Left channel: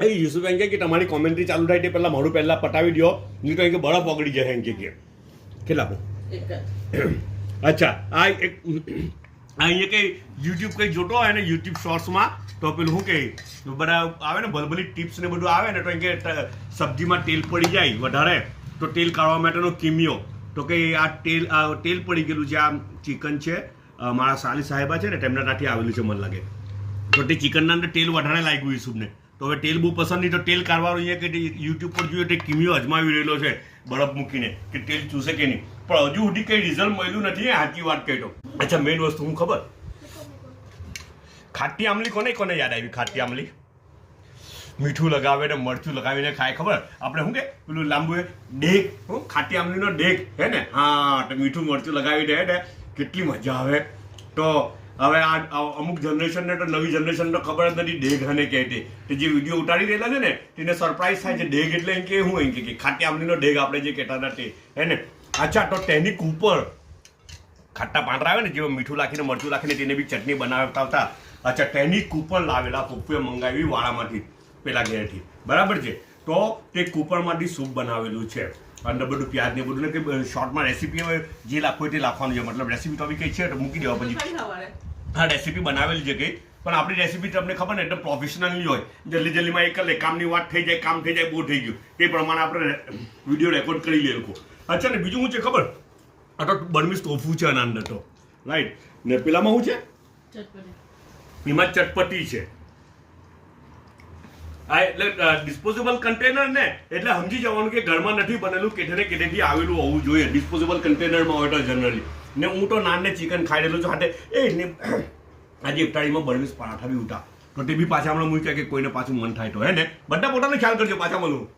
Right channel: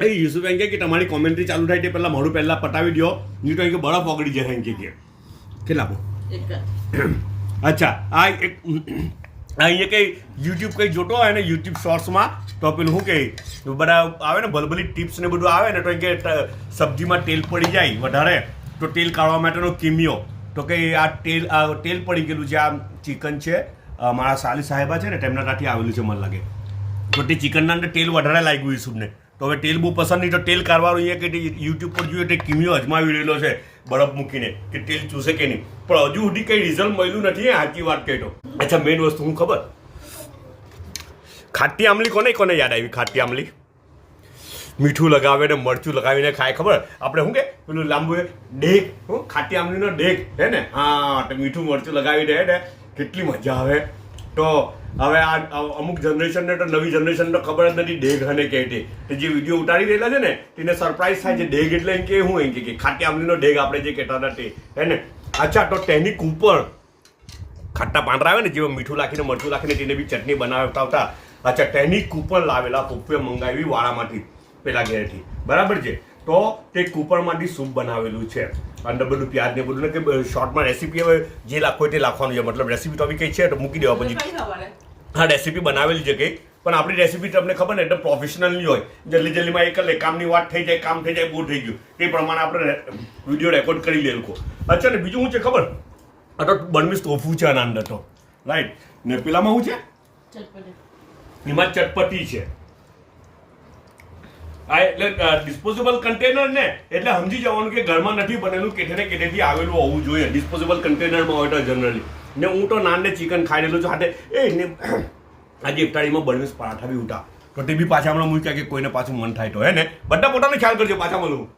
એ યુસુફ એમ કે તમારી કોમેન્ટ્રી ચાલુ થાય તે પહેલાં મોડું પહેલાં પટાવી દો, નહીં તો એમ કે બરફ ઓગળી જાય એમ કે કેટલા આપણું અચ્છા આ એક અહીંયા કંઈ યુટ્યુબ કંઈ જોતો હોય ને યુટ્યુબ શોર્ટ્સમાં તો પેલું શું કહે બધા આવે ને ભલભલી ટિપ્સ ને બધું આવે ને તો એમ કે સબ્જીમાં તેલ પડી જાય વધારે તો તેલ કાઢવા માટેનો કિમિયો તો કે આ તેલ પડી ગયેલું છે, આ ચિકન છે મારા સાલી સાહેબા છે ને તેમના ત્યાંથી આવેલું છે મને લાગે, તો તે ચિકનના અંદર તેલ વધારે લાગ્યું યુસુફને, તો હવે તેલ બહુ પસંદ નહીં તો તેલ કાઢવાનું અહીંયા કે યુટ્યુબ પર જોઈએ તે કિમિયો અજમાવી રહેલો છે બરફ મૂકીને કે તેલ ચૂસે કે નહીં, પણ હજુ સુધી કંઈ રિઝલ્ટ મળ્યું નથી. સાચી વાત કહી તો. અચ્છા મેઇન વસ્તુ હું ખબર, ખાટી આમલી કોને યાદ આવી? ખાટી આમલી મીઠું લગાવે ને મરચું લગાવીને ખાય, ખબર આપણે શું કે પેલું લાંબુ ડેક, હું ખાટી આમલીનો ડેક હે ને, હા તો મીઠું મરચું લગાવી દે ને કેટલી મજા આવે. તો હવે આ અમુક જનરેશનને તો નવી જનરેશન તો ખબર જ નથી ડેગ અને કે તે જે વિડીયો ઉતારી રહેલા છે ને તેને સરપ્રાઈઝ થાય છે. ડેગ એટલે એમ કે હું એમ કે ખાટી આમલીનો ડેગ આપણે જે કહેતા હતા તે હે ને. અચ્છા તો તેની ઉપર ખાટા પાંદડા આવે ને જેમાં મીઠું નાખીને મરચું નાખીને તેને બી ચટણી બનાવતા હતા. અચ્છા તેની કૂપર લાવેલા પપ્પુએ મંગાવી વાળામાંથી પેલા ઘરેથી, બરાબર છે. તો તે કૂપરમાંથી સૂપ બનાવેલું છે, અંદર બધું પ્યાજ ને બધું ને કે શોર્ટમાં રેસીપી હવે જે લાખો તે લાખવાનું છે, મતલબ રેસીપી તો બી કંઈ છે તો મૂકી દેવા પછી. હા રેસીપી બનાવેલી છે કંઈ, પણ આપણી રેસીપી તમને ખબર ને એટલે પ્રોફેશનલ નહીં હોય, જલ્દીમાં એક લે કામની વાત થઈ જાય, કામ થઈ જાય, બહુ થઈ ગયું તે પ્રમાણે આપણે વિડીયો રેકોર્ડ કરી લે લોકો. અચ્છા ને બીજું શું છે ખબર, આ તો બર્મીઝ ટોફુ છે આના અંદર તો રાઈટ, ને પેલામાં શું છે એમાં ચટપટી છે. આ એટલે ડિસ્પોઝેબલ કન્ટેનર ને એટલે સમજી જવાનું કે ઘરમાં નથી બનેલું, કેઠે ને કેઠેથી આવેલું હોવું જોઈએ. ડિસ્પોઝેબલ કન્ટેનરમાં હોય તો જનરલી. ને હું તો નાન ને ચિકન ખાઈ રહેલું છું સાથે આજે ઇફતારીમાં બર્મીઝ પરાઠા બી ઉઠા તો તે બી પાછા હમણાં મૂક્યા કે કોઈને પાછું મન થાય તો હે ને. બધા પોતાનો ખ્યાલ કરજો, પાછા મળું.